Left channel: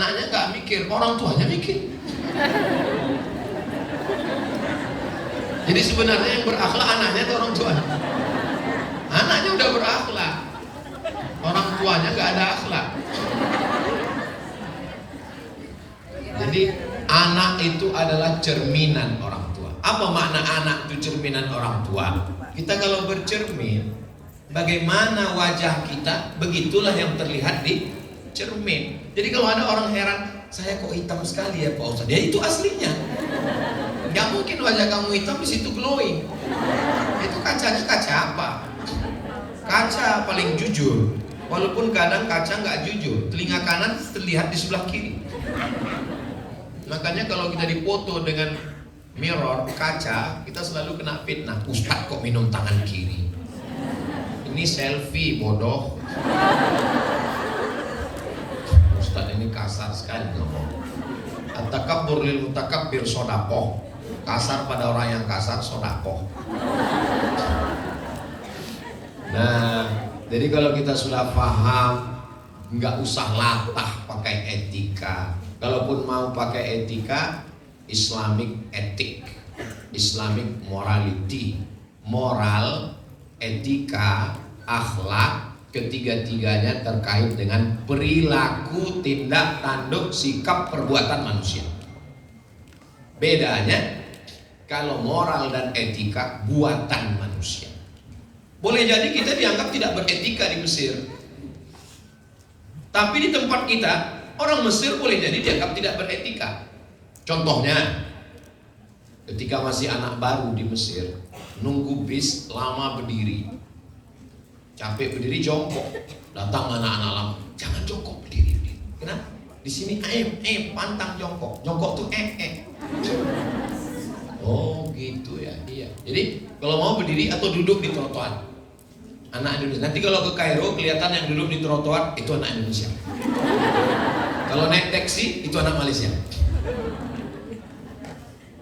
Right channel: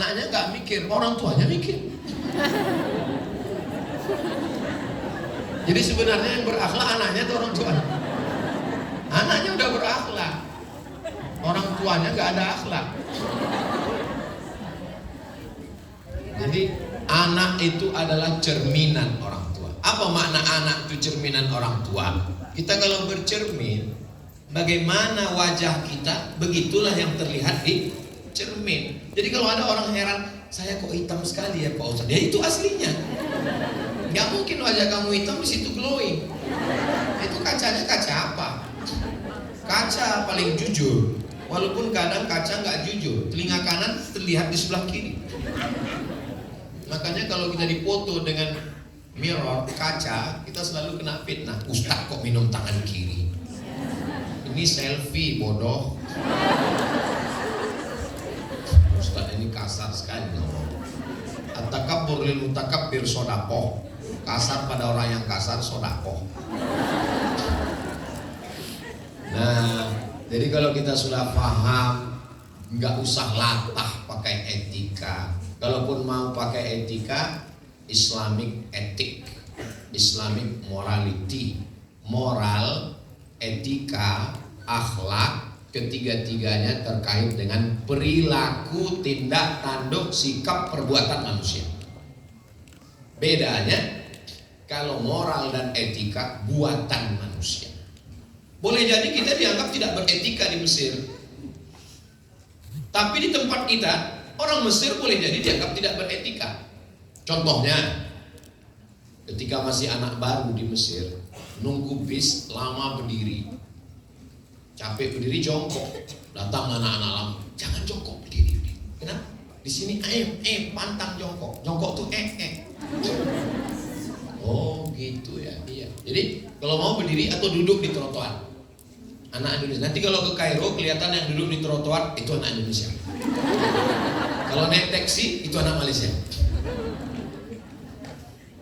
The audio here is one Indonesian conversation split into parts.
anaknya nggak mikir, orang tuanya mikir. Jadi sebenarnya yang berakhlak anaknya atau orang tuanya? Anaknya udah berakhlak, orang tuanya nggak ada akhlak. Jadi anak itu adalah cerminan orang tua. Apa makna anak itu cerminan orang tua? Kita kalau bercermin, bagaimana wajah kita, begitulah yang terlihat di cermin. Jadi kalau ada orang heran, saya kok hitam sekali ya Pak Ustadz? Ya itu aslinya. Gak mungkin wajah kamu hitam di situ glowing. Itu kacanya kaca apa? Kaca paling jujur. Walaupun kadang kaca nggak jujur, telinga kanan terlihat di sebelah kiri. Makanya kalau kita dipoto dengan mirror, kaca, kita selalu kena fitnah. Ustadz kok minum tangan kiri? Ini selfie bodoh. Ustadz ini kasar sekali ngomong. At-takabbur lil mutakabbir sodakoh. Kasar pada orang yang kasar sodakoh. Nah, jadi kalau kita sudah paham, nggak usah latah pakai etika. Kalaupun mau pakai etika, Islamic etik, Islamic morality, moral, etika, akhlak, ketiga-tiganya terkait dengan perilaku, tindak tanduk, sikap, perbuatan manusia. Bedanya, kalau moral dan etika buatan manusia. Boleh jadi kita dianggap tidak beretika di Mesir, tapi di tempat kita orang Mesir boleh jadi dianggap tidak beretika. Contohnya, ketika masih anak baru di Mesir, nunggu bis lama berdiri, capek berdiri jongkok, datang anak-anak lama, jangan jongkok, berdiri. Kenapa? Di sini pantang jongkok, jongkok tuh Oh gitu ya, iya. Jadi kalau mau berdiri atau duduk di trotoar, anak Indonesia. Nanti kalau ke Kairo kelihatan yang duduk di trotoar itu anak Indonesia. Kalau naik taksi itu anak Malaysia.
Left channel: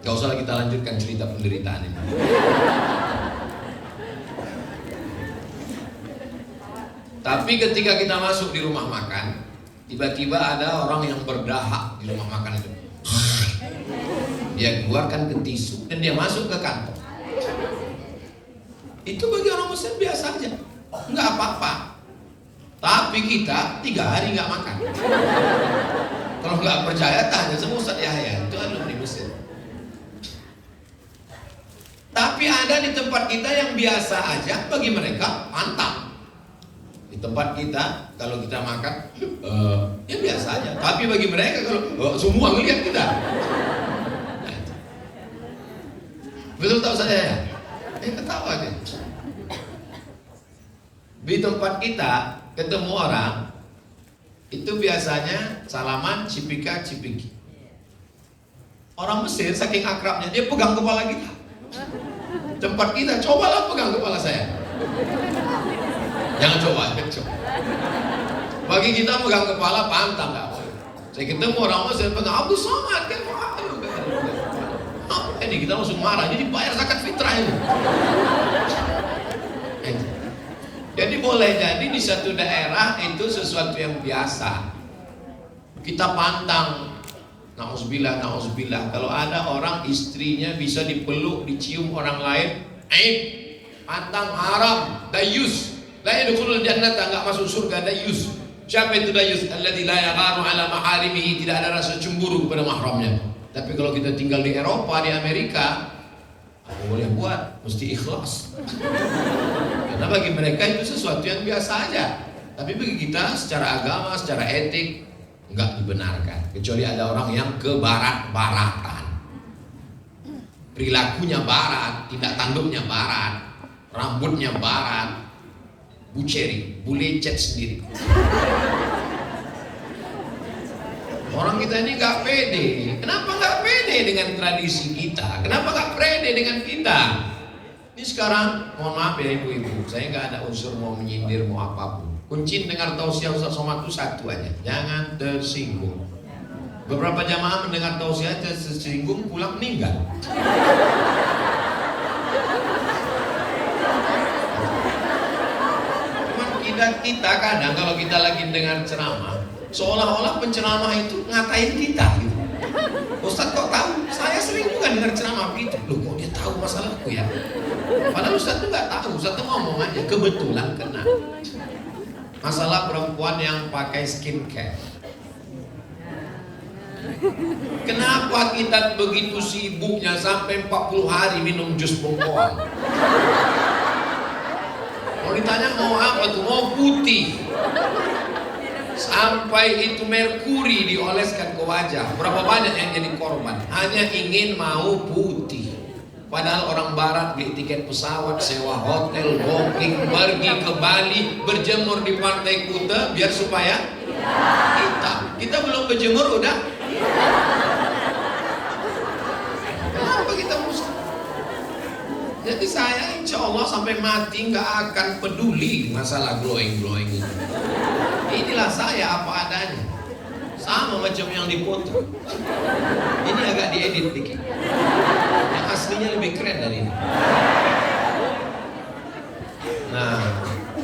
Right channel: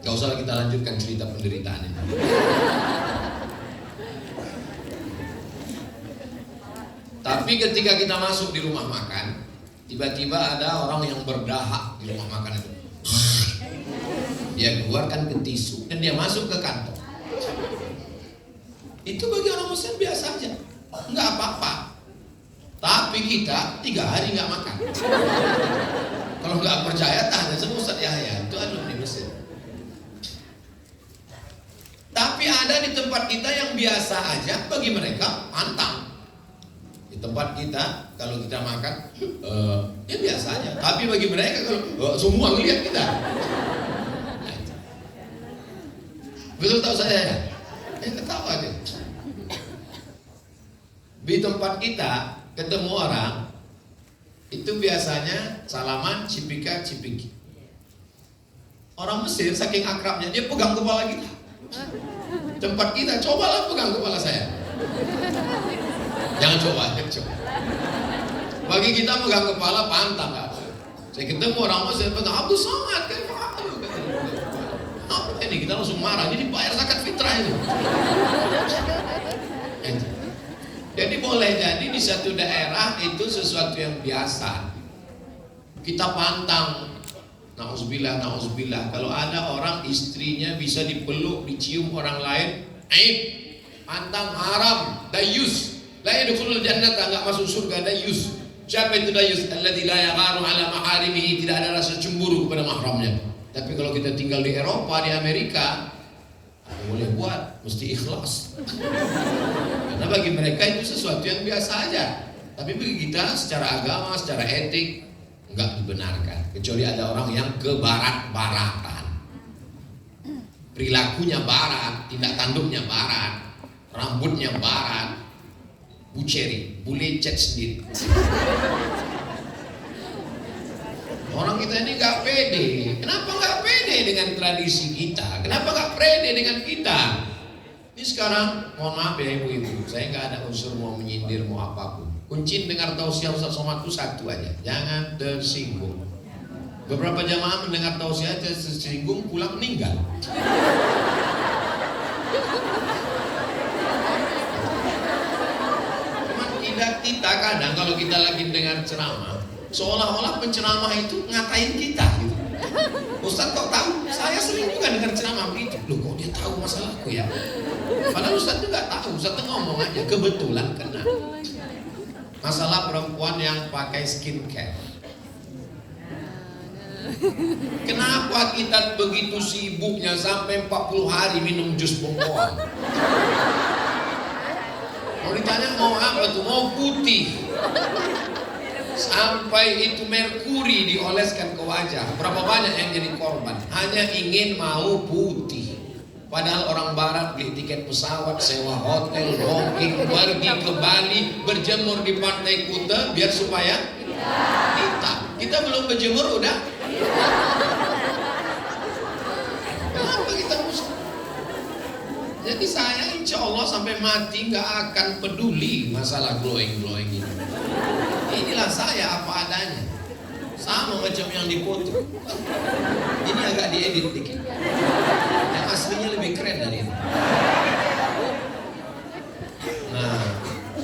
Gak usah kita lanjutkan cerita penderitaan ini. Tapi ketika kita masuk di rumah makan, tiba-tiba ada orang yang berdahak di rumah makan itu. Dia keluarkan ke tisu dan dia masuk ke kantong. Itu bagi orang Muslim biasa aja, nggak apa-apa. Tapi kita 3 hari nggak makan. Kalau nggak percaya tanya sama Ustaz Yahya, itu alumni Mesir. Tapi ada di tempat kita yang biasa aja, bagi mereka pantang. Di tempat kita kalau kita makan, ya biasa aja. Tapi bagi mereka kalau semua ngelihat kita. Betul tahu saya ya? Ketawa aja. Di tempat kita ketemu orang itu biasanya salaman cipika cipiki. Orang Mesir saking akrabnya dia pegang kepala kita. Tempat kita cobalah pegang kepala saya. Jangan coba. Bagi kita pegang kepala pantang nggak boleh. Saya ketemu orang Mesir pegang Abu Somad kan. Ini kita langsung marah, jadi bayar zakat fitrah ini. Jadi boleh jadi di satu daerah itu sesuatu yang biasa. Kita pantang, na'udzubillah. Kalau ada orang istrinya bisa dipeluk, dicium orang lain, pantang, haram, dayus. La yadkhulul jannata, enggak masuk surga, dayus. Siapa itu dayus? Alladzi la yagharu ala maharimihi, tidak ada rasa cemburu kepada mahramnya. Tapi kalau kita tinggal di Eropa, di Amerika, boleh buat, mesti ikhlas. Karena bagi mereka itu sesuatu yang biasa aja. Tapi bagi kita secara agama, secara etik, enggak dibenarkan. Kecuali ada orang yang ke barat-baratan. Perilakunya barat, tindak tanduknya barat, rambutnya barat, buceri, bule cat sendiri. Orang kita ini gak pede. Kenapa gak pede dengan tradisi kita? Kenapa gak pede dengan kita? Ini sekarang, mohon maaf ya ibu-ibu, saya gak ada unsur mau menyindir, mau apapun. Kunci dengar tausiah Ustaz Somad itu satu aja, jangan tersinggung. Beberapa jamaah mendengar tausiah tersinggung, pulang meninggal. Cuman kita kadang kalau kita lagi dengar ceramah, Seolah-olah penceramah itu ngatain kita gitu. Ustaz kok tahu? Saya sering juga dengar ceramah begitu. Loh kok dia tahu masalahku ya? Padahal Ustaz itu nggak tahu, Ustaz itu ngomong aja, kebetulan kena. Masalah perempuan yang pakai skincare. Kenapa kita begitu sibuknya sampai 40 hari minum jus bengkoang? Mau ditanya mau apa tuh? Mau putih. Sampai itu merkuri dioleskan ke wajah. Berapa banyak yang jadi korban? Hanya ingin mau putih. Padahal orang barat beli tiket pesawat, sewa hotel, booking, pergi ke Bali, berjemur di Pantai Kuta biar supaya hitam. Kita belum berjemur udah. Kenapa kita musuh? Jadi saya insya Allah sampai mati nggak akan peduli masalah glowing ini. Inilah saya apa adanya. Sama macam yang dipoto. Ini agak diedit dikit. Yang aslinya lebih keren dari ini. Nah,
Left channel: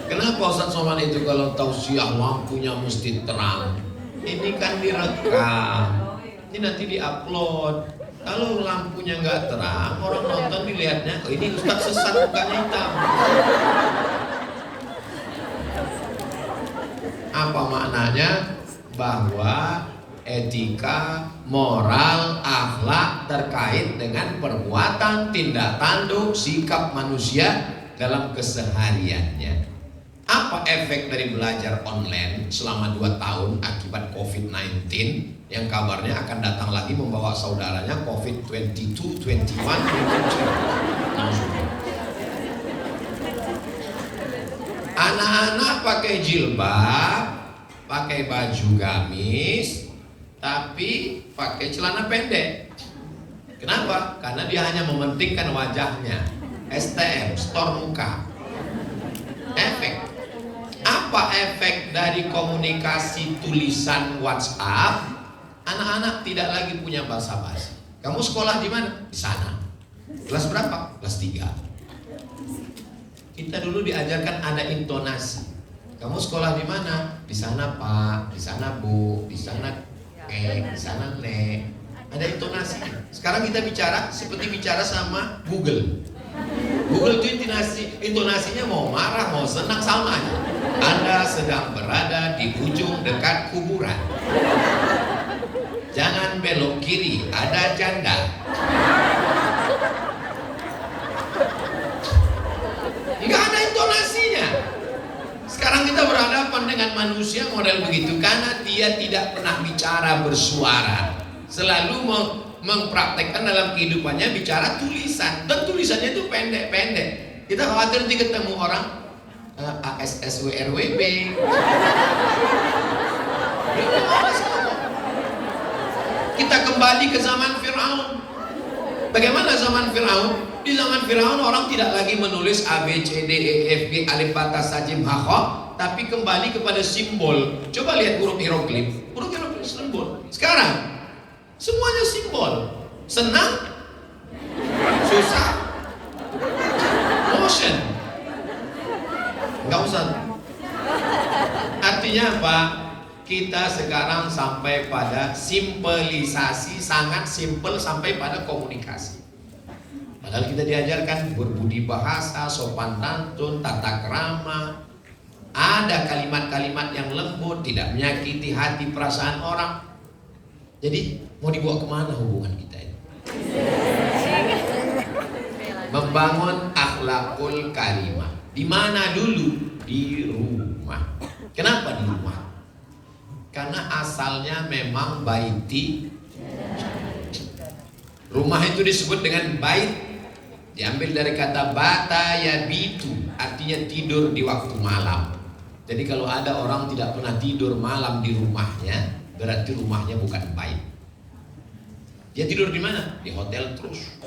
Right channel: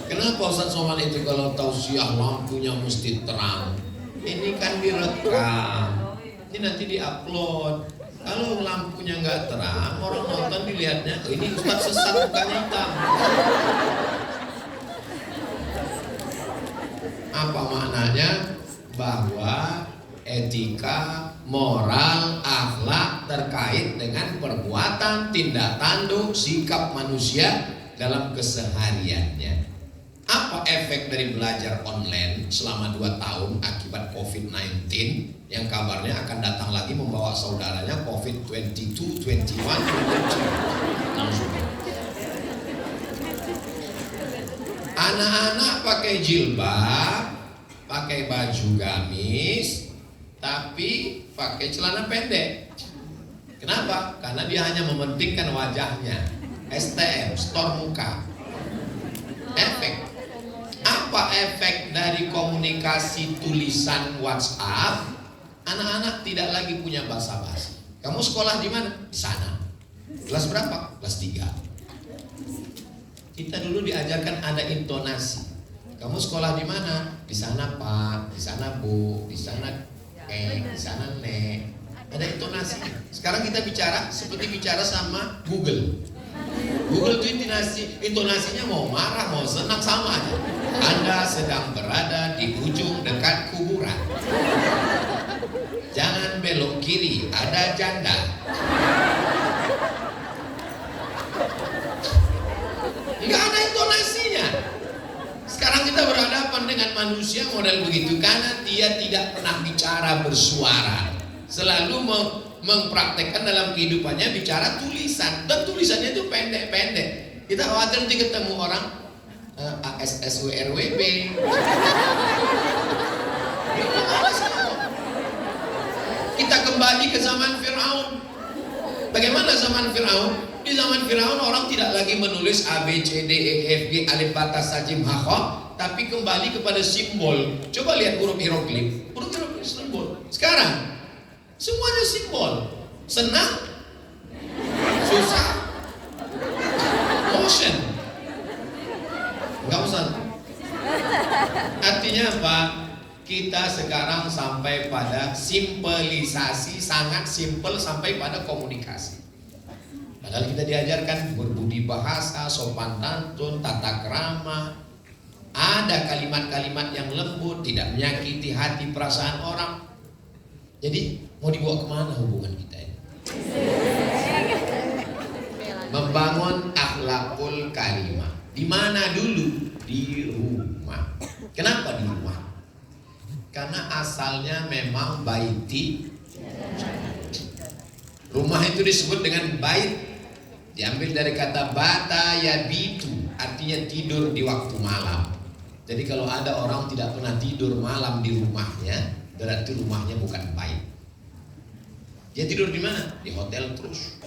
kenapa Ustaz Somad itu kalau tausiah lampunya mesti terang? Ini kan direkam. Ini nanti diupload. Kalau lampunya nggak terang, orang nonton dilihatnya, oh ini Ustaz sesat bukan hitam. Apa maknanya? Bahwa etika, moral, akhlak terkait dengan perbuatan, tindak tanduk, sikap manusia dalam kesehariannya. Apa efek dari belajar online selama 2 tahun akibat COVID-19 yang kabarnya akan datang lagi membawa saudaranya COVID-22, 21, 22. Anak-anak pakai jilbab, pakai baju gamis, tapi pakai celana pendek. Kenapa? Karena dia hanya mementingkan wajahnya. STM, store muka. Efek. Apa efek dari komunikasi tulisan WhatsApp? Anak-anak tidak lagi punya basa-basi. Kamu sekolah di mana? Di sana. Kelas berapa? Kelas 3. Kita dulu diajarkan ada intonasi. Kamu sekolah di mana? Di sana Pak, di sana Bu, di sana di sana Nek. Ada intonasi. Sekarang kita bicara seperti bicara sama Google. Google itu intonasinya mau marah, mau senang sama aja. Anda sedang berada di ujung dekat kuburan. Jangan belok kiri, ada janda. Nggak ada intonasinya. Sekarang kita berhadapan dengan manusia model begitu karena dia tidak pernah bicara bersuara. Selalu mempraktekkan dalam kehidupannya bicara tulisan, dan tulisannya itu pendek-pendek. Kita khawatir nanti ketemu orang ASSWRWB. Kita kembali ke zaman Firaun. Bagaimana zaman Firaun? Di zaman Firaun orang tidak lagi menulis A, B, C, D, E, F, G, alif, bata, sajim, hakho, tapi kembali kepada simbol. Coba lihat huruf hieroglif. Huruf hieroglif simbol. Sekarang semuanya simbol. Senang, susah, motion. Enggak usah. Artinya apa? Kita sekarang sampai pada simpelisasi, sangat simpel sampai pada komunikasi. Padahal kita diajarkan berbudi bahasa, sopan santun, tata krama. Ada kalimat-kalimat yang lembut, tidak menyakiti hati perasaan orang. Jadi mau dibawa kemana hubungan kita ini? Membangun akhlakul karimah. Di mana dulu? Di rumah. Kenapa di rumah? Karena asalnya memang baiti. Rumah itu disebut dengan bait, diambil dari kata bata yabitu, artinya tidur di waktu malam. Jadi kalau ada orang tidak pernah tidur malam di rumahnya, berarti rumahnya bukan bait. Dia tidur di mana? Di hotel terus.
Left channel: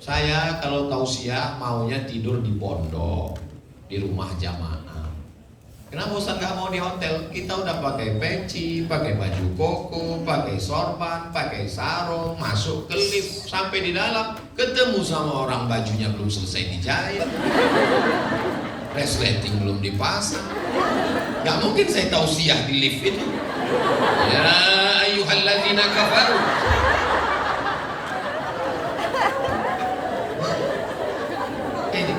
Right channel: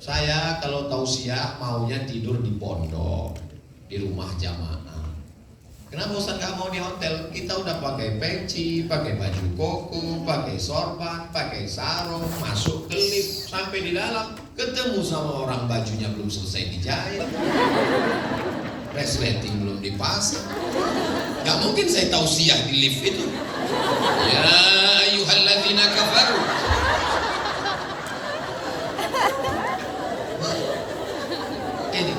Saya kalau tausiah maunya tidur di pondok, di rumah jamaah. Kenapa Ustaz gak mau di hotel? Kita udah pakai peci, pakai baju koko, pakai sorban, pakai sarung, masuk ke lift, sampai di dalam ketemu sama orang bajunya belum selesai dijahit, resleting belum dipasang. Gak mungkin saya tausiah di lift itu. Ya ayyuhalladzina kafaru. Ini.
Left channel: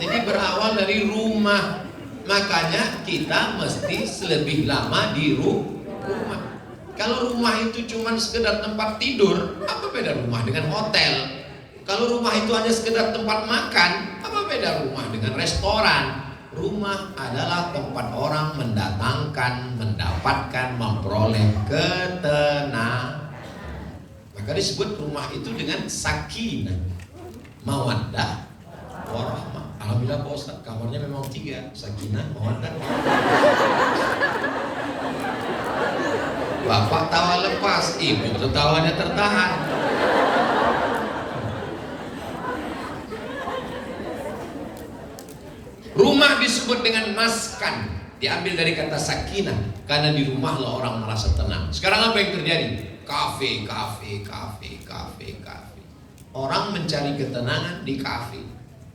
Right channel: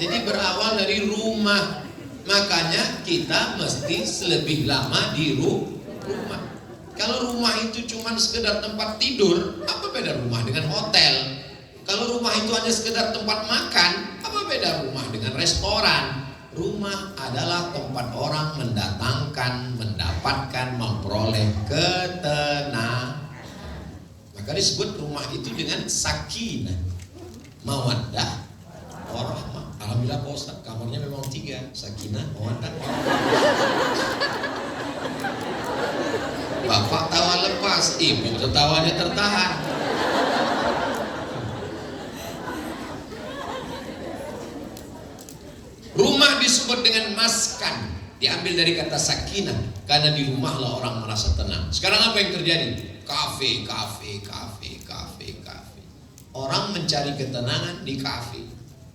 Jadi berawal dari rumah. Makanya kita mesti lebih lama di rumah. Kalau rumah itu cuma sekedar tempat tidur, apa beda rumah dengan hotel? Kalau rumah itu hanya sekedar tempat makan, apa beda rumah dengan restoran? Rumah adalah tempat orang mendatangkan, mendapatkan, memperoleh ketenangan. Maka disebut rumah itu dengan sakinah, mawaddah, warahmah. Alhamdulillah Pak Ustaz, kamarnya memang 3, sakinah, mawaddah, Bapak tawa lepas, ibu tawanya tertahan. Rumah disebut dengan maskan, diambil dari kata sakinah, karena di rumah lah orang merasa tenang. Sekarang apa yang terjadi? Kafe. Orang mencari ketenangan di kafe.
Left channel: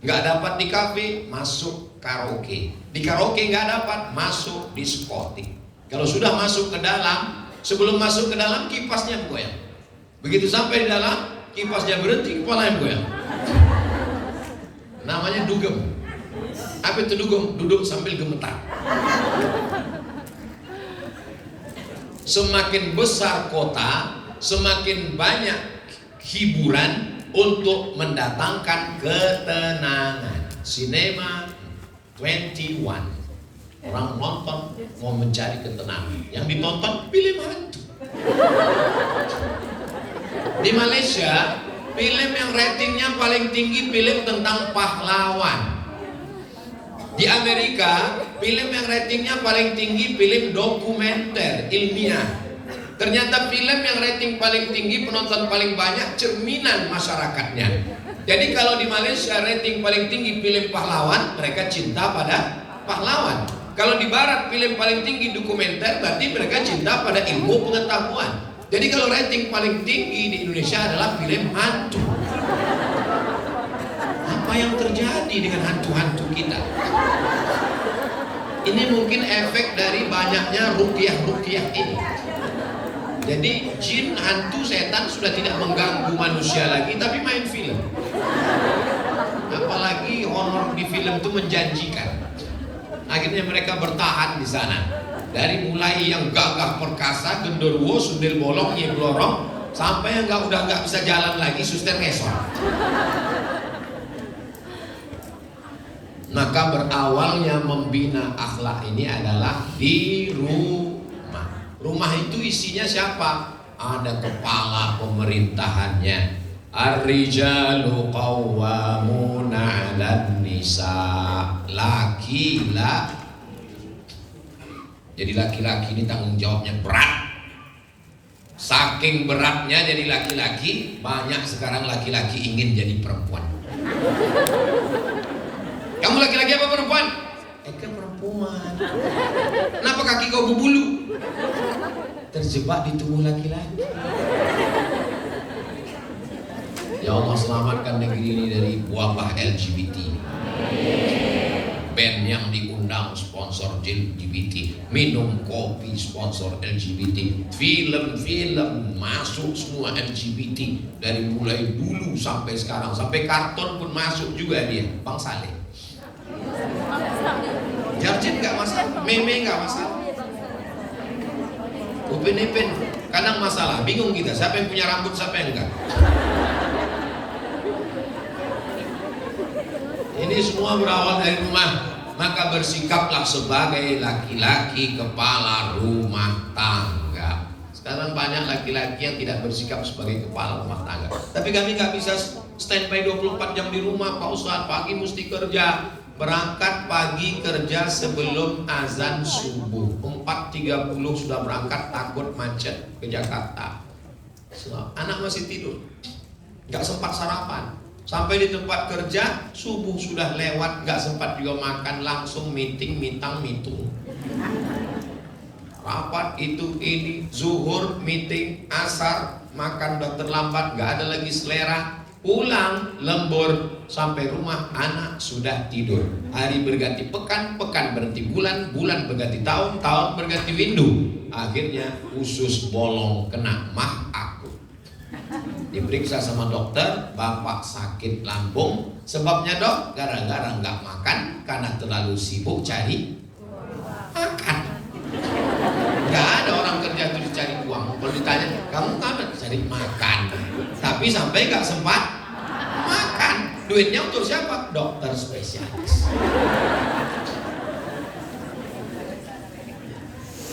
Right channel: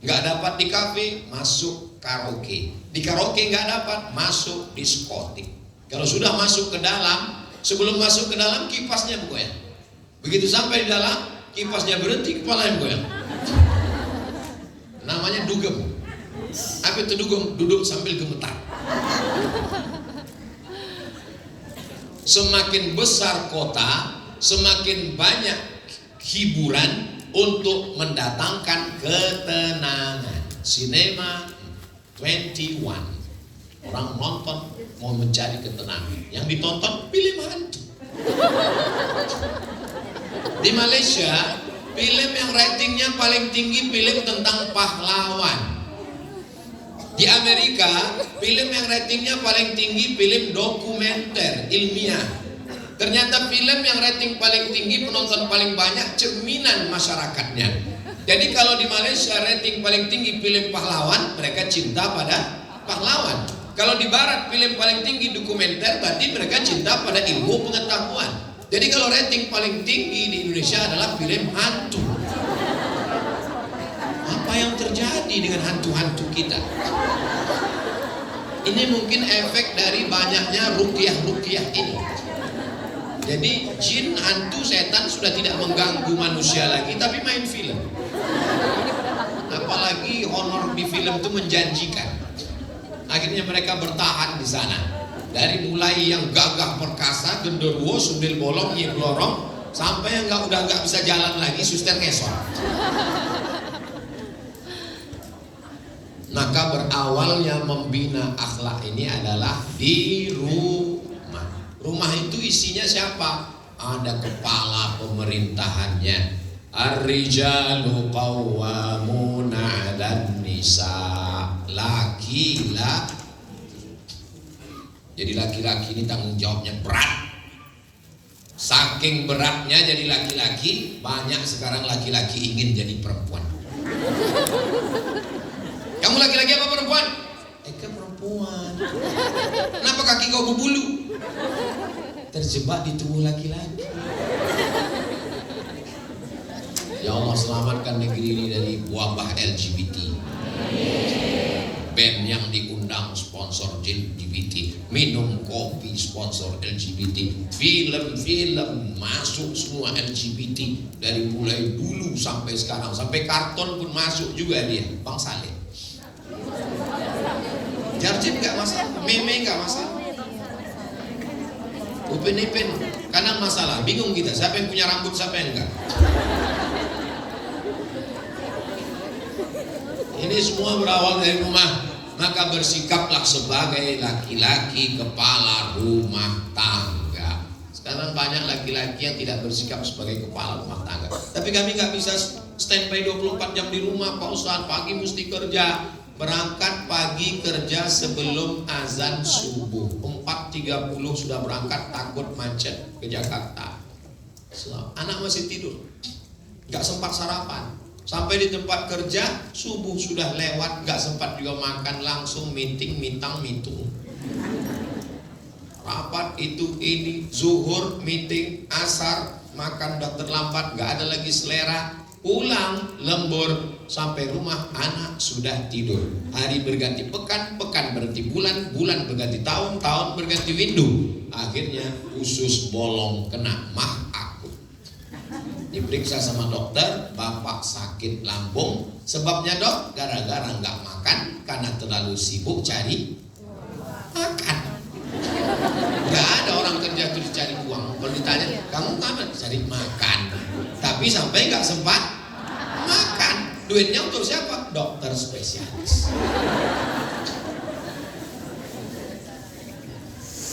Nggak dapat di kafe, masuk karaoke. Di karaoke nggak dapat, masuk diskotik. Kalau sudah masuk ke dalam, sebelum masuk ke dalam kipasnya goyang. Begitu sampai di dalam, kipasnya berhenti, kepalanya goyang. Namanya dugem. Apa itu dugem? Duduk sambil gemetar. Semakin besar kota, semakin banyak hiburan untuk mendatangkan ketenangan. Sinema 21, orang nonton mau mencari ketenangan. Yang ditonton film hantu. Di Malaysia, film yang ratingnya paling tinggi film tentang pahlawan. Di Amerika, film yang ratingnya paling tinggi film dokumenter ilmiah. Ternyata film yang rating paling tinggi, penonton paling banyak, cerminan masyarakatnya. Jadi kalau di Malaysia rating paling tinggi film pahlawan, mereka cinta pada pahlawan. Kalau di Barat film paling tinggi dokumenter, berarti mereka cinta pada ilmu pengetahuan. Jadi kalau rating paling tinggi di Indonesia adalah film hantu. Apa yang terjadi dengan hantu-hantu kita? Ini mungkin efek dari banyaknya ruqyah-ruqyah ini. Jadi jin, hantu, setan sudah tidak mengganggu manusia lagi, tapi main film. Apalagi honor di film itu menjanjikan. Akhirnya mereka bertahan di sana. Dari mulai yang gagah perkasa, genderuwo, sundel bolong, nyeblorong, sampai yang udah nggak bisa jalan lagi, suster ngesot. Maka berawalnya membina akhlak ini adalah di rumah. Rumah itu isinya siapa? Ada kepala pemerintahannya. Ar-rijalu qawwamuna 'alan nisa. Laki-laki. Jadi laki-laki ini tanggung jawabnya berat. Saking beratnya jadi laki-laki, banyak sekarang laki-laki ingin jadi perempuan. Kamu laki-laki apa perempuan? Kan perempuan. Kenapa kaki kau berbulu? Terjebak di tubuh laki-laki. Ya Allah, selamatkan negeri ini dari wabah LGBT. Band yang diundang sponsor LGBT, minum kopi sponsor LGBT, film-film masuk semua LGBT, dari mulai dulu sampai sekarang, sampai karton pun masuk juga dia. Bang Saleh. Jarjin nggak masalah, meme nggak masalah, upin-ipin kadang masalah, bingung kita siapa yang punya rambut siapa yang enggak. Ini semua berawal dari rumah. Maka bersikaplah sebagai laki-laki kepala rumah tangga. Sekarang banyak laki-laki yang tidak bersikap sebagai kepala rumah tangga. Tapi kami nggak bisa standby 24 jam di rumah, Pak Ustadz. Pagi mesti kerja. Berangkat pagi kerja sebelum azan subuh. 4.30 sudah berangkat, takut macet ke Jakarta. Anak masih tidur, nggak sempat sarapan. Sampai di tempat kerja subuh sudah lewat, nggak sempat juga makan, langsung meeting, mitang, mitung. Rapat itu ini, zuhur, meeting, asar, makan udah terlambat, nggak ada lagi selera. Pulang lembur sampai rumah anak sudah tidur. Hari berganti pekan, pekan berganti bulan, bulan berganti tahun, tahun berganti windu. Akhirnya usus bolong kena mah akut. Diperiksa sama dokter, bapak sakit lambung. Sebabnya dok, gara-gara nggak makan karena terlalu sibuk cari makan. Nggak ada orang kerja terus cari uang. Kalau ditanya, kamu ngapain? Cari makan. Tapi sampai nggak sempat makan. Duitnya untuk siapa? Dokter spesialis.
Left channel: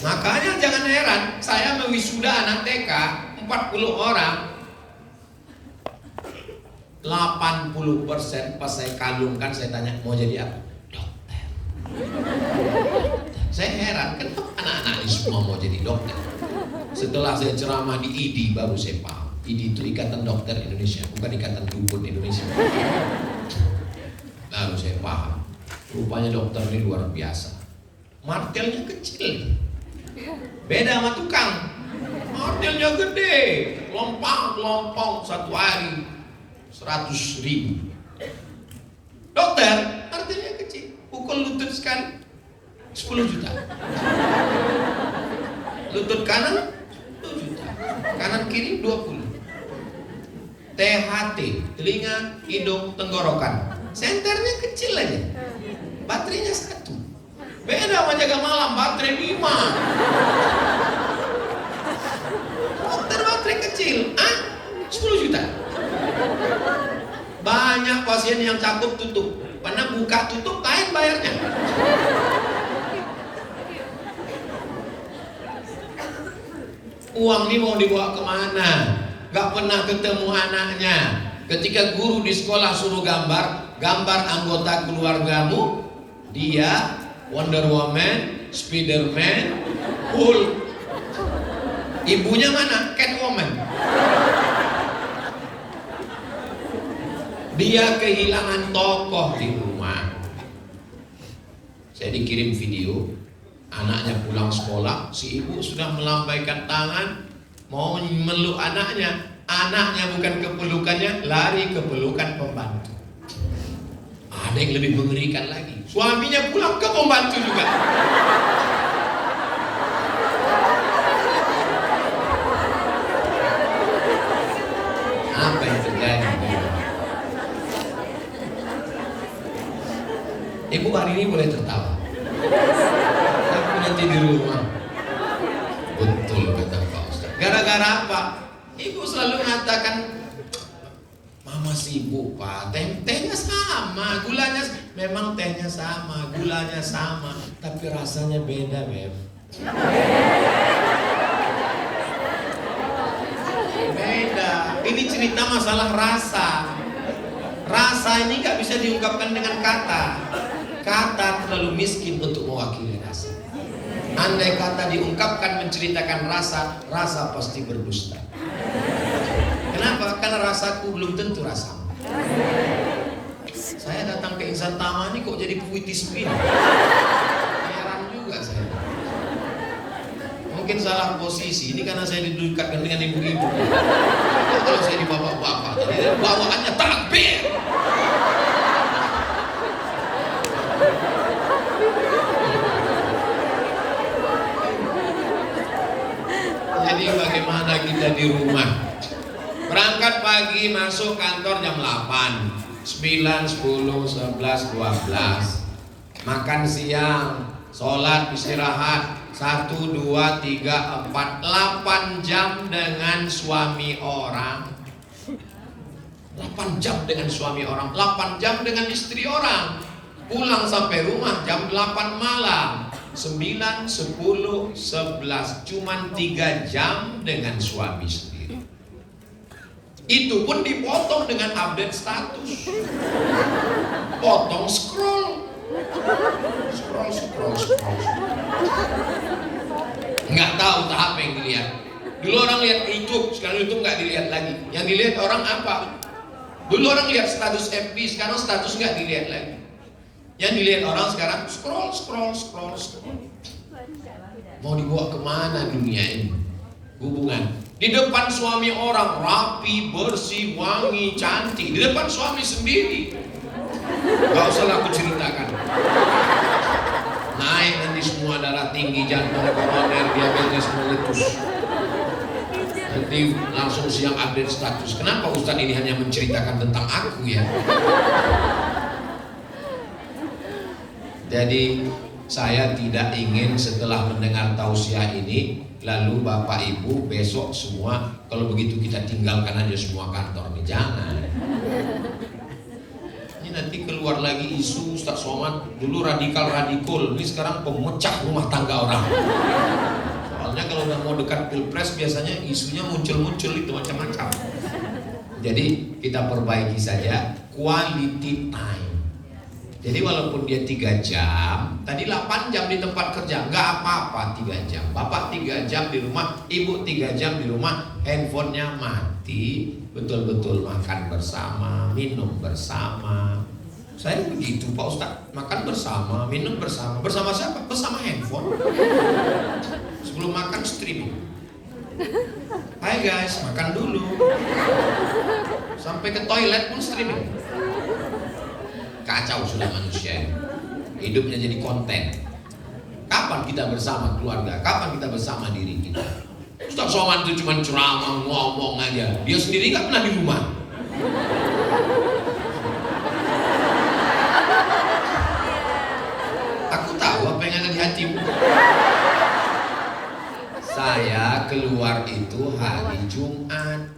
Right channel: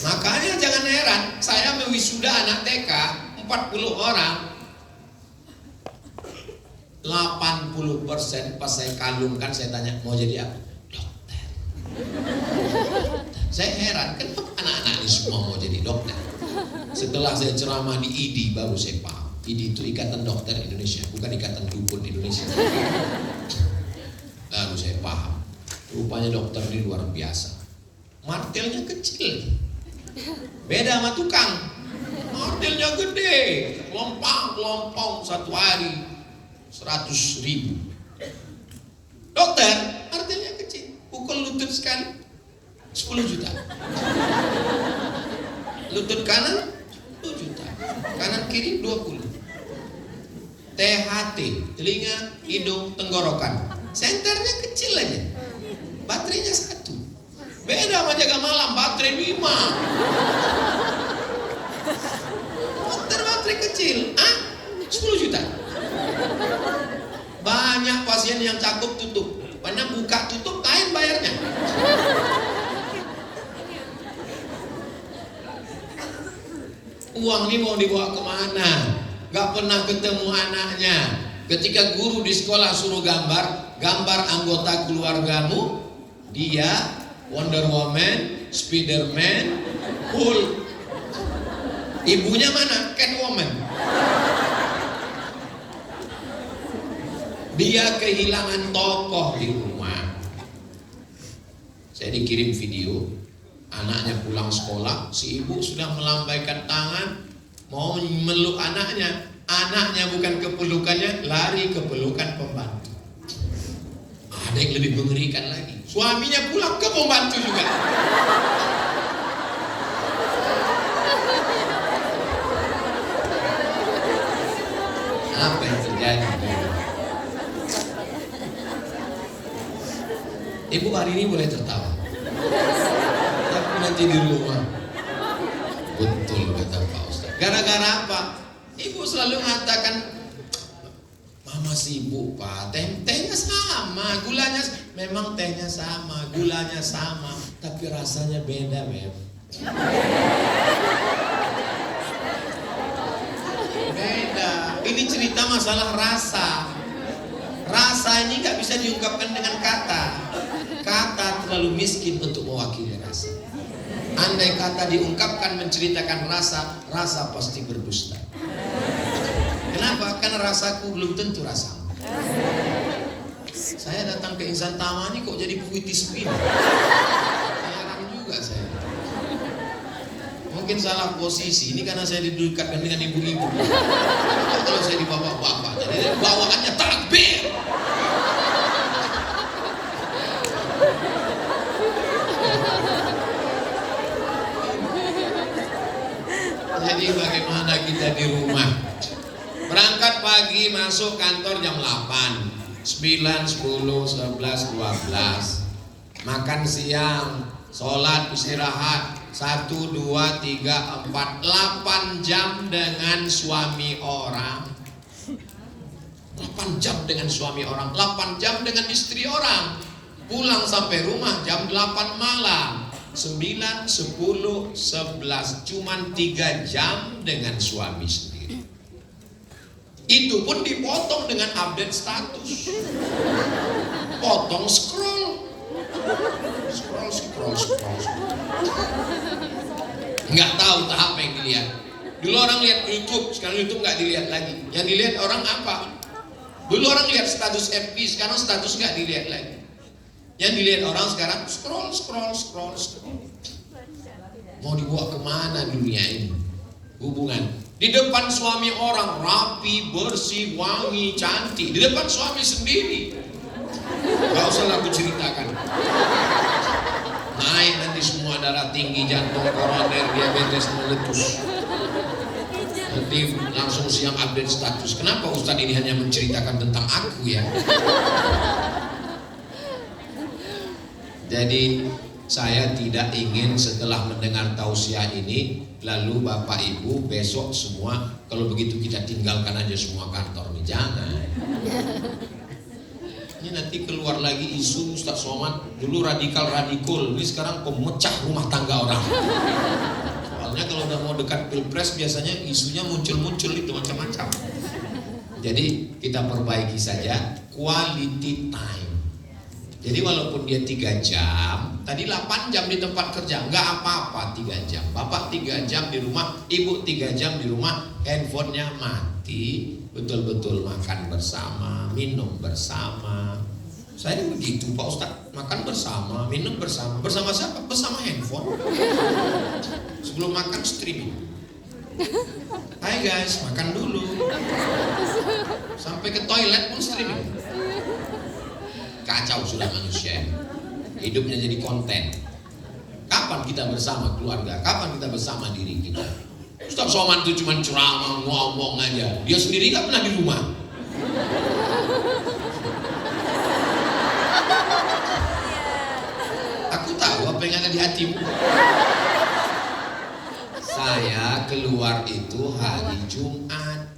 Makanya jangan heran, saya mewisuda anak TK 40 orang. 80% pas saya kalungkan, saya tanya mau jadi apa? Dokter. Saya heran, kenapa anak-anak ini semua mau jadi dokter? Setelah saya ceramah di IDI baru saya paham. IDI itu Ikatan Dokter Indonesia, bukan Ikatan Dukun Indonesia. Lalu saya paham, rupanya dokter ini luar biasa. Martelnya kecil, beda sama tukang. Martelnya gede, lompang-lompong satu hari 100.000. Dokter, artinya kecil, pukul lutut sekali 10 juta. Lutut kanan 10 juta, kanan kiri 20. THT, telinga, hidung, tenggorokan, senternya kecil aja, baterainya 1. Beda sama jaga malam, baterai 5. Dokter baterai kecil, 10 juta. Banyak pasien yang cakup tutup, karena buka tutup lain bayarnya. Uang ini mau dibawa kemana? Gak pernah ketemu anaknya. Ketika guru di sekolah suruh gambar anggota keluargamu, dia Wonder Woman, Spiderman, Hulk. Ibunya mana? Catwoman. Dia kehilangan tokoh di rumah. Saya dikirim video, anaknya pulang sekolah, si ibu sudah melambaikan tangan mau meluk anaknya. Anaknya bukan ke pelukannya, lari ke pelukan pembantu. Ada yang lebih mengerikan lagi, suaminya pulang ke pembantu juga. Apa yang terjadi? Ibu hari ini boleh tertawa, tapi nanti di rumah. Betul kata Pak Ustaz. Gara-gara apa? Ibu selalu mengatakan, mama sibuk Pak, tehnya sama, gulanya memang tehnya sama, gulanya sama, tapi rasanya beda, Beb. Beda. Ini cerita masalah rasa. Rasa ini gak bisa diungkapkan dengan kata. Kata terlalu miskin untuk mewakili rasa. Andai kata diungkapkan menceritakan rasa, rasa pasti berdusta. Kenapa? Karena rasaku belum tentu rasamu. Saya datang ke Insan Tama ini kok jadi puitis begini. Heran juga saya. Mungkin salah posisi. Ini karena saya didekatkan dengan ibu-ibu. Kalau saya di bapak-bapak, bawaannya takbir. Jadi bagaimana kita di rumah? Berangkat pagi, masuk kantor jam 8, 9, 10, 11, 12. Makan siang, sholat, istirahat, 1, 2, 3, 4, 8 jam dengan suami orang. 8 jam dengan suami orang, 8 jam dengan istri orang. Pulang sampai rumah jam 8 malam. 9, 10, 11, cuman 3 jam dengan suami sendiri. Itu pun dipotong dengan update status. Potong scroll. Nggak tahu tahap yang dilihat. Dulu orang lihat YouTube, sekarang YouTube nggak dilihat lagi. Yang dilihat orang apa? Dulu orang lihat status FB, sekarang status nggak dilihat lagi. Yang dilihat orang sekarang scroll. Mau dibawa kemana dunia ini? Hubungan Di depan suami orang rapi, bersih, wangi, cantik. Di depan suami sendiri. Gak usah aku ceritakan. Naik nanti semua darah tinggi, jantung, koroner, diabetes, meletus. Nanti langsung siang update status. Kenapa Ustadz ini hanya menceritakan tentang aku ya? Jadi saya tidak ingin setelah mendengar tausiah ini lalu Bapak Ibu besok semua kalau begitu kita tinggalkan aja semua kantor nih, jangan. Ini nanti keluar lagi isu Ustadz Somad dulu radikal, ini sekarang pemecah rumah tangga orang. Soalnya kalau udah mau dekat pilpres biasanya isunya muncul itu macam-macam. Jadi kita perbaiki saja quality time. Jadi walaupun dia 3 jam, tadi 8 jam di tempat kerja, nggak apa-apa 3 jam. Bapak 3 jam di rumah, ibu 3 jam di rumah, handphonenya mati, betul-betul makan bersama, minum bersama. Saya begitu Pak Ustadz, makan bersama, minum bersama. Bersama siapa? Bersama handphone. Sebelum makan streaming. Hai guys, makan dulu. Sampai ke toilet pun streaming. Kacau sudah manusia ini. Hidupnya jadi konten. Kapan kita bersama keluarga? Kapan kita bersama diri kita? Ustaz Somad itu cuma ceramah, ngomong aja. Dia sendiri gak pernah di rumah. Aku tahu apa yang ada di hatimu. Saya keluar itu hari Jumat,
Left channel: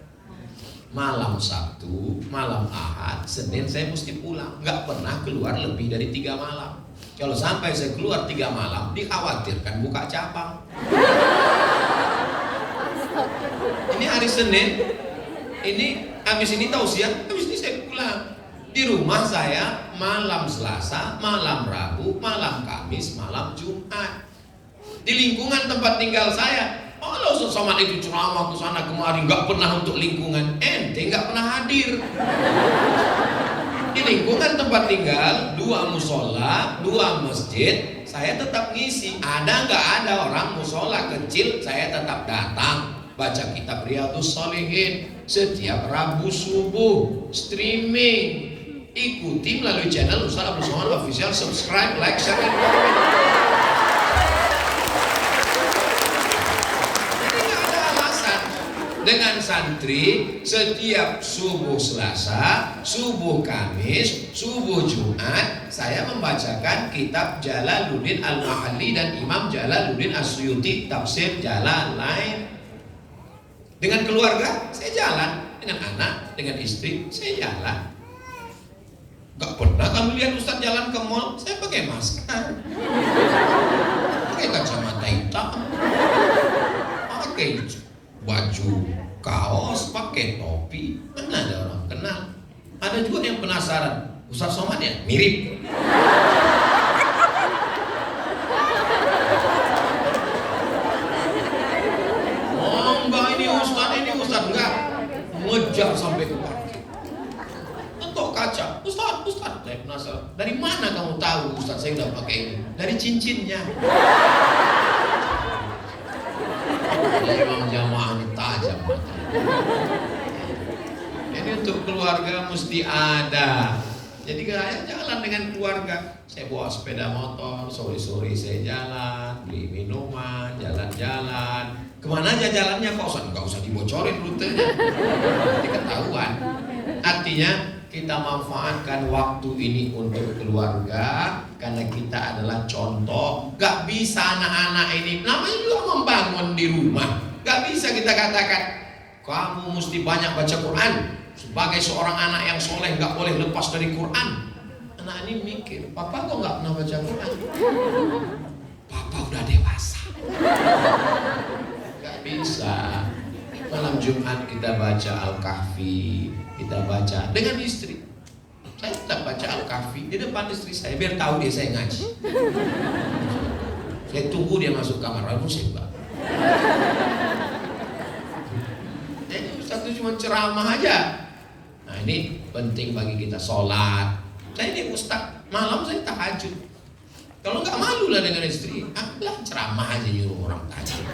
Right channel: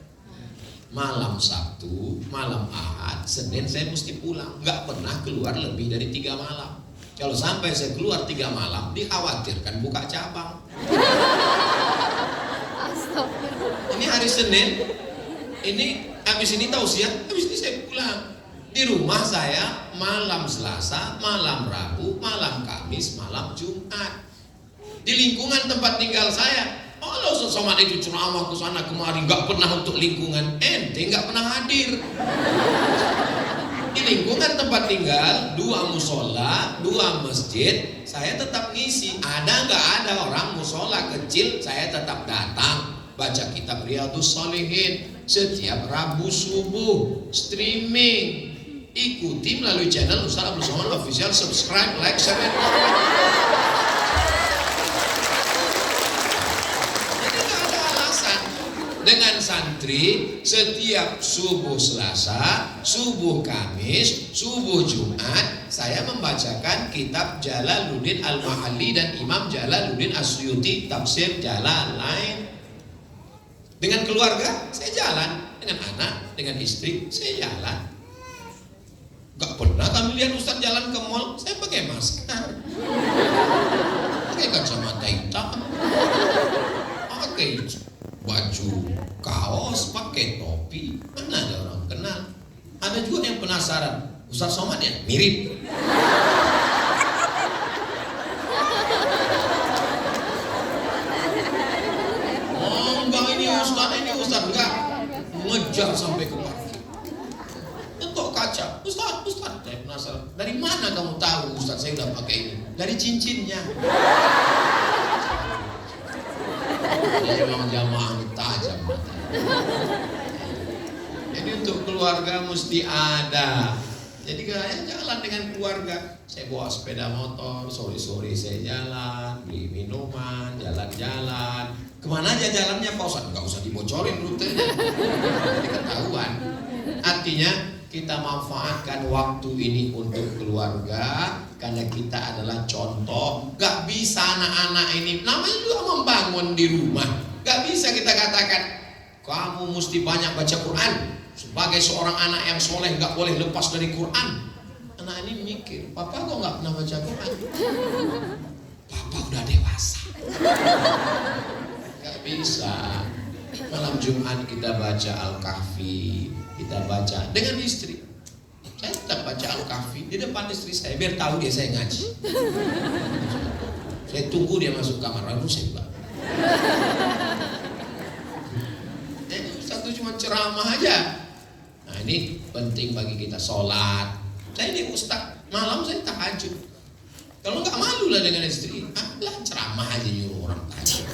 malam Sabtu, malam Ahad, Senin saya mesti pulang. Nggak pernah keluar lebih dari 3 malam. Kalau sampai saya keluar 3 malam, dikhawatirkan buka cabang. Ini hari Senin, ini habis ini tausiah, habis ini saya pulang. Di rumah saya malam Selasa, malam Rabu, malam Kamis, malam Jumat. Di lingkungan tempat tinggal saya, kalau Ustaz Somad itu ceramah ke sana kemari, nggak pernah untuk lingkungan, ente nggak pernah hadir. Di lingkungan tempat tinggal, 2 musola, 2 masjid, saya tetap ngisi. Ada nggak ada orang musola kecil, saya tetap datang. Baca kitab Riyadhus Shalihin setiap Rabu subuh, streaming. Ikuti melalui channel Ustaz Abdul Somad Official, subscribe, like, share, dan komen. Dengan santri setiap subuh Selasa, subuh Kamis, subuh Jumat saya membacakan kitab Jalaluddin Al-Mahalli dan Imam Jalaluddin As-Suyuti tafsir Jalalain. Dengan keluarga saya jalan, dengan anak, dengan istri saya jalan. Gak pernah kamu lihat Ustaz jalan ke mall saya pakai masker, pakai kacamata hitam, pakai baju kaos, pakai topi. Mana ada orang kenal. Ada juga yang penasaran, Ustaz Somad ya? Mirip. Oh enggak, ini Ustaz enggak. Ngejar sampai ke parkir. Entok kaca, Ustaz, saya penasaran. Dari mana kamu tahu Ustaz saya udah pakai ini? Dari cincinnya. Memang jamaahnya tajam. Jadi untuk keluarga mesti ada. Jadi saya jalan dengan keluarga. Saya bawa sepeda motor, sore-sore saya jalan, beli minuman, jalan-jalan. Kemana aja jalannya Pak Ustaz? Nggak usah dibocorin rutenya, nanti ketahuan. Artinya kita manfaatkan waktu ini untuk keluarga, karena kita adalah contoh. Gak bisa anak-anak ini, namanya juga membangun di rumah. Gak bisa kita katakan kamu mesti banyak baca Quran. Sebagai seorang anak yang soleh gak boleh lepas dari Quran. Anak ini mikir, papa kok gak pernah baca Quran? Papa udah dewasa. Gak bisa. Malam Jumat kita baca Al-Kahfi, kita baca dengan istri. Saya tetap baca Al-Kahfi di depan istri saya, biar tahu dia saya ngaji. Saya tunggu dia masuk kamar, aku sembah. Jadi Ustaz itu cuma ceramah aja. Nah ini penting bagi kita, sholat. Saya ini Ustaz, malam saya tahajud. Kalau nggak malu lah dengan istri, lah ceramah aja yuk orang tahajud.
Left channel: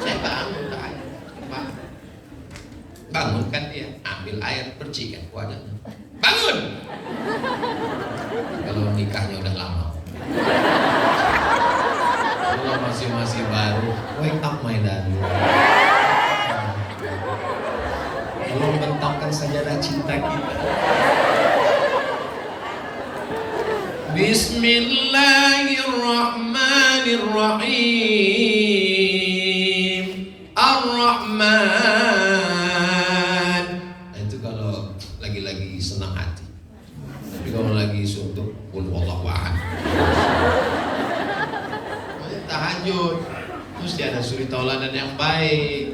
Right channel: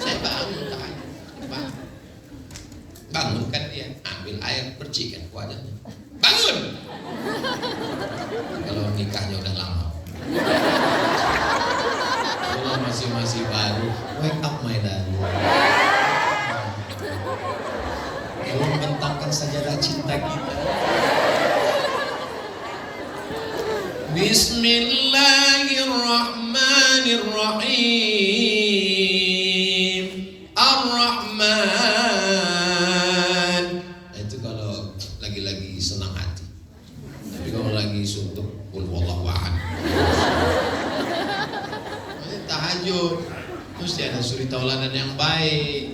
Saya bangun tahajud. Bangun kan dia, ambil air, bersihkan wajahnya. Bangun. Kalau nikahnya udah lama. Kalau masih baru, wake up my darling. Tolong bentangkan sajadah cinta kita. Bismillahirrahmanirrahim. Ar-Rahman. Itu kalau lagi senang hati. Tapi kalau lagi suntuk, qul huwallahu ahad. Tahajud, mesti ada suri tauladan yang baik.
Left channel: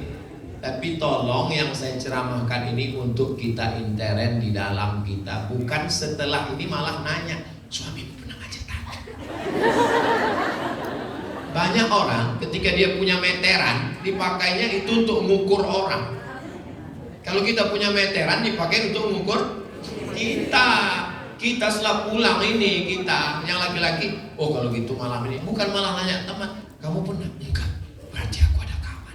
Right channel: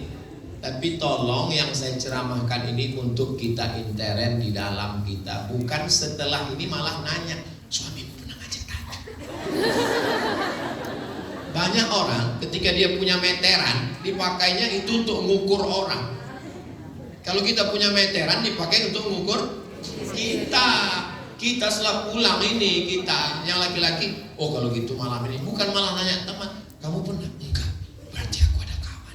Tapi tolong yang saya ceramahkan ini untuk kita intern di dalam kita, bukan setelah ini malah nanya, suamimu pernah ngajak tadi? Banyak orang ketika dia punya meteran, dipakainya itu untuk mengukur orang. Kalau kita punya meteran, dipakai untuk mengukur kita. Kita setelah pulang ini, kita yang laki-laki, oh kalau gitu malam ini, bukan malah nanya teman, kamu pernah? Enggak, berarti aku ada kawan.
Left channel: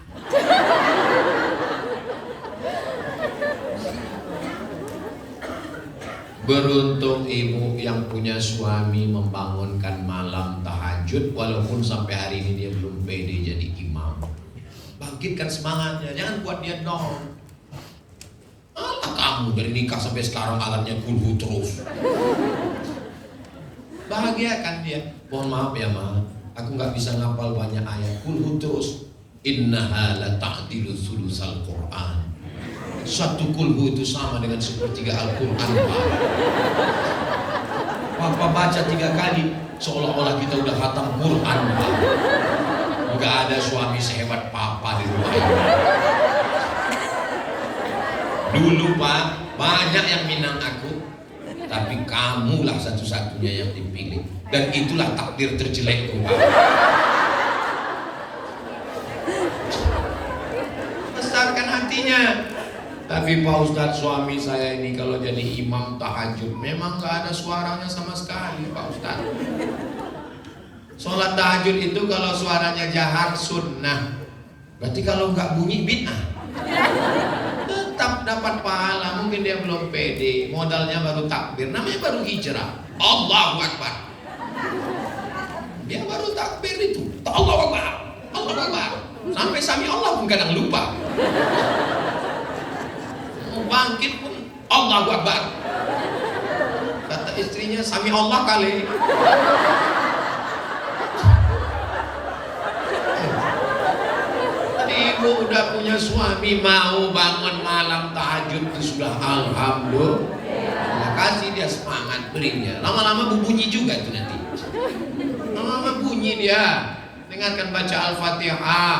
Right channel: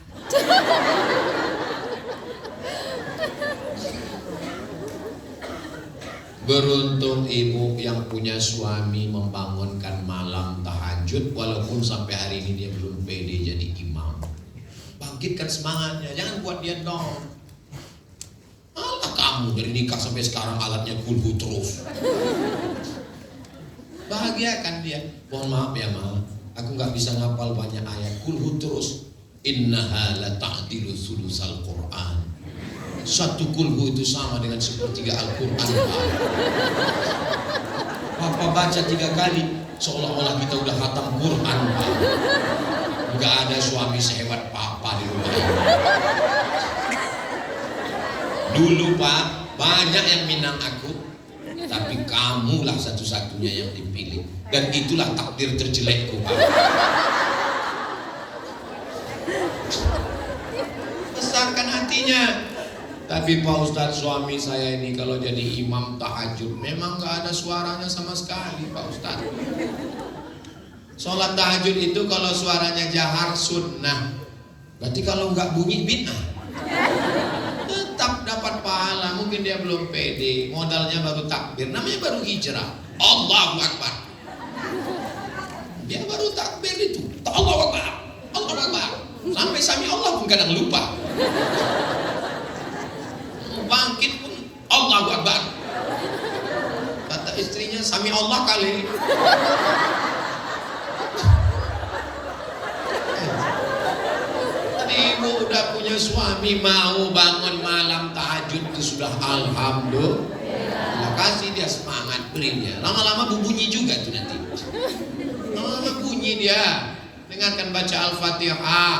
Beruntung ibu yang punya suami membangunkan malam tahajud, walaupun sampai hari ini dia belum pede jadi imam. Bangkitkan semangatnya, jangan buat dia down. Alah kamu dari nikah sampai sekarang alatnya kulhu terus. Bahagiakan dia. Mohon maaf ya ma, aku nggak bisa ngapal banyak ayat. Kulhu terus. Innaha la ta'dilu sulusal Quran. Satu kulhu itu sama dengan sepertiga Al-Quran. Papa baca 3 kali seolah-olah kita udah khatam Quran. Enggak ada suami sehebat papa di rumah ini. Dulu Pak, banyak yang minang aku, tapi kamulah satu-satunya yang dipilih. Dan itulah takdir terjelekku Pak. Besarkan hatinya. Tapi Pak Ustadz, suami saya ini kalau jadi imam tahajud memang gak ada suaranya sama sekali Pak Ustadz. Sholat tahajud itu kalau suaranya jahar sunnah, berarti kalau gak bunyi bid'ah. Tetap dapat pahala. Mungkin dia belum pede, modalnya baru takbir, namanya baru hijrah. Allahu Akbar. Dia baru takbir itu, Allahu Akbar, Allahu Akbar. Sampai sami Allah pun kadang lupa. Bangkit pun Allahu Akbar. Kata istrinya, sami Allah kali. Ibu udah punya suami mau bangun malam tahajud itu sudah alhamdulillah. Kasih dia semangat, beri dia. Lama-lama bunyi juga tuh nanti. Lama-lama bunyi dia. Dengarkan baca Al-Fatihah,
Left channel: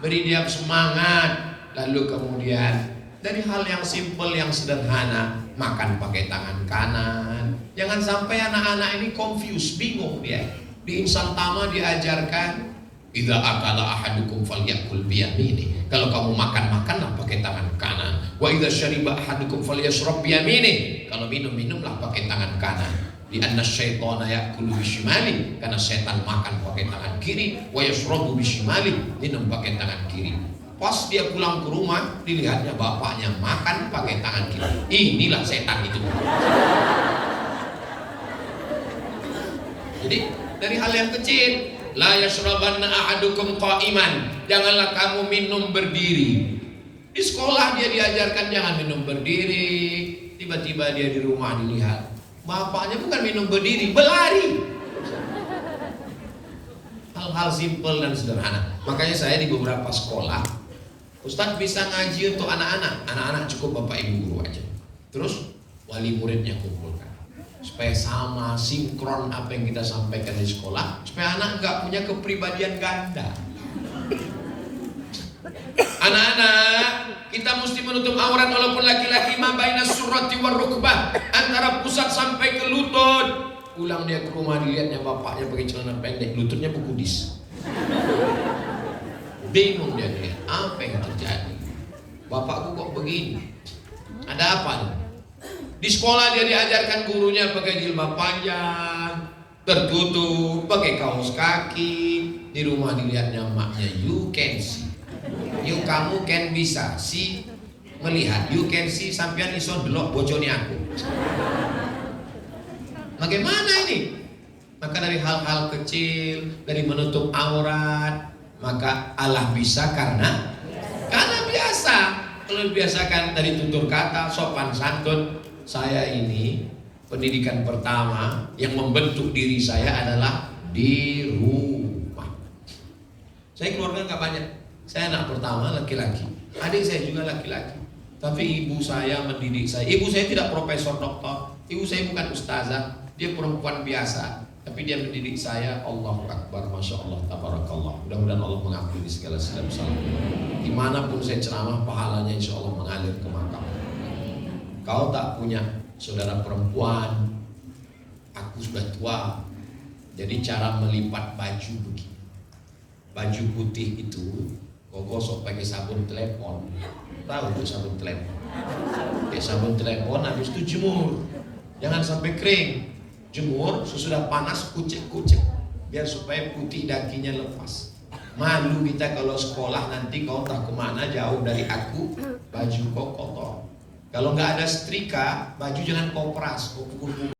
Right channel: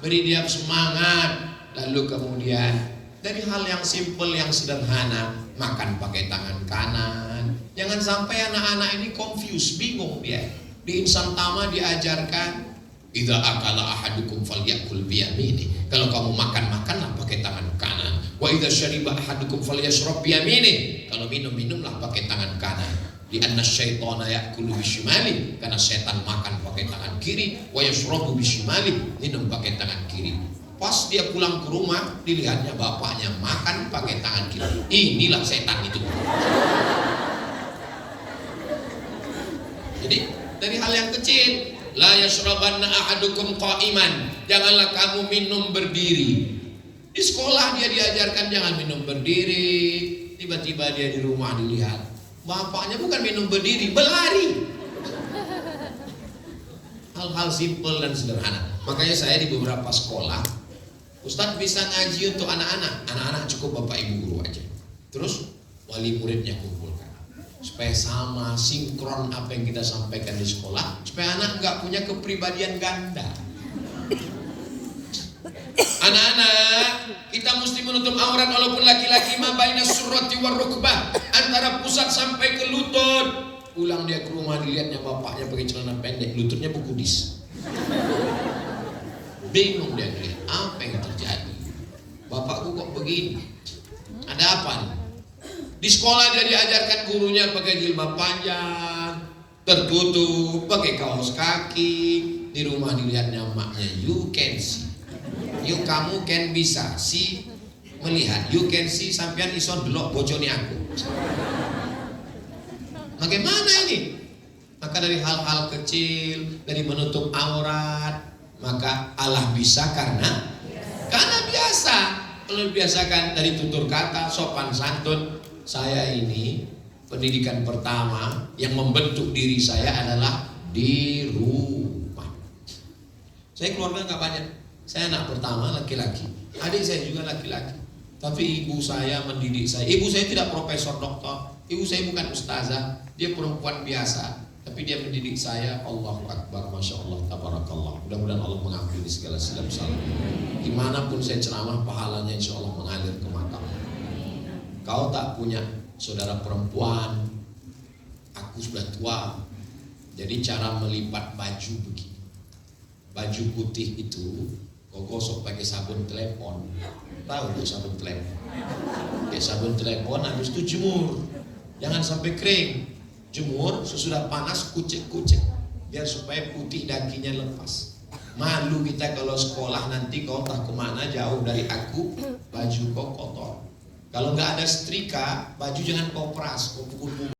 beri dia semangat. Lalu kemudian dari hal yang simple, yang sederhana, makan pakai tangan kanan. Jangan sampai anak-anak ini confused, bingung dia. Di Insan Tama diajarkan, idza akala ahadukum falyakul biyamini. Kalau kamu makanlah pakai tangan kanan. Wa idza syariba ahadukum falyashrab biyamini. Kalau minumlah pakai tangan kanan. Di anna syaitana yakulu bishimali, karena setan makan pakai tangan kiri. Wa yashrabu bishimali, minum pakai tangan kiri. Pas dia pulang ke rumah, dilihatnya bapaknya makan pakai tangan kiri. Inilah setan itu. Jadi dari hal yang kecil, la yashrabanna ahadukum qa'iman. Janganlah kamu minum berdiri. Di sekolah dia diajarkan jangan minum berdiri. Tiba-tiba dia di rumah dilihat bapaknya bukan minum berdiri, berlari. Hal-hal simpel dan sederhana. Makanya saya di beberapa sekolah, Ustadz bisa ngaji untuk anak-anak. Anak-anak cukup bapak ibu guru aja. Terus wali muridnya kumpulkan, supaya sama sinkron apa yang kita sampaikan di sekolah, supaya anak nggak punya kepribadian ganda. Anak-anak, kita mesti menutup aurat walaupun laki-laki, ma baina surrati war rukbah, antara pusat sampai ke lutut. Pulang dia ke rumah, dilihatnya bapaknya pakai celana pendek, lututnya berkudis. Bingung dia, apa yang terjadi? Bapakku kok begini? Ada apa nih? Di sekolah dia diajarkan gurunya pakai jilbab panjang, tertutup, pakai kaos kaki. Di rumah dilihatnya maknya, you can see, you kamu can bisa see, melihat. You can see sampean iso delok bojone aku. Bagaimana ini? Maka dari hal-hal kecil, dari menutup aurat, maka Allah bisa karena biasa. Kalau dibiasakan dari tutur kata, sopan santun. Saya ini pendidikan pertama yang membentuk diri saya adalah di rumah. Saya keluarga nggak banyak. Saya anak pertama laki-laki. Adik saya juga laki-laki. Tapi ibu saya mendidik saya. Ibu saya tidak profesor doktor. Ibu saya bukan ustazah. Dia perempuan biasa. Tapi dia mendidik saya. Allahu Akbar, Masya Allah, Tabarakallah. Mudah-mudahan Allah mengampuni segala silap salah. Dimanapun saya ceramah, pahalanya insya Allah mengalir ke makam. Kau tak punya saudara perempuan, aku sudah tua. Jadi cara melipat baju begini. Baju putih itu kau gosok pakai sabun telepon. Tahu itu sabun telepon? Ya, sabun telepon, habis itu jemur. Jangan sampai kering. Jemur, sesudah panas kucek-kucek biar supaya putih dakinya lepas. Malu kita kalau sekolah nanti kau tak kemana jauh dari aku, baju kau kotor. Kalau nggak ada setrika, baju jangan kau peras, kau pukul-pukul.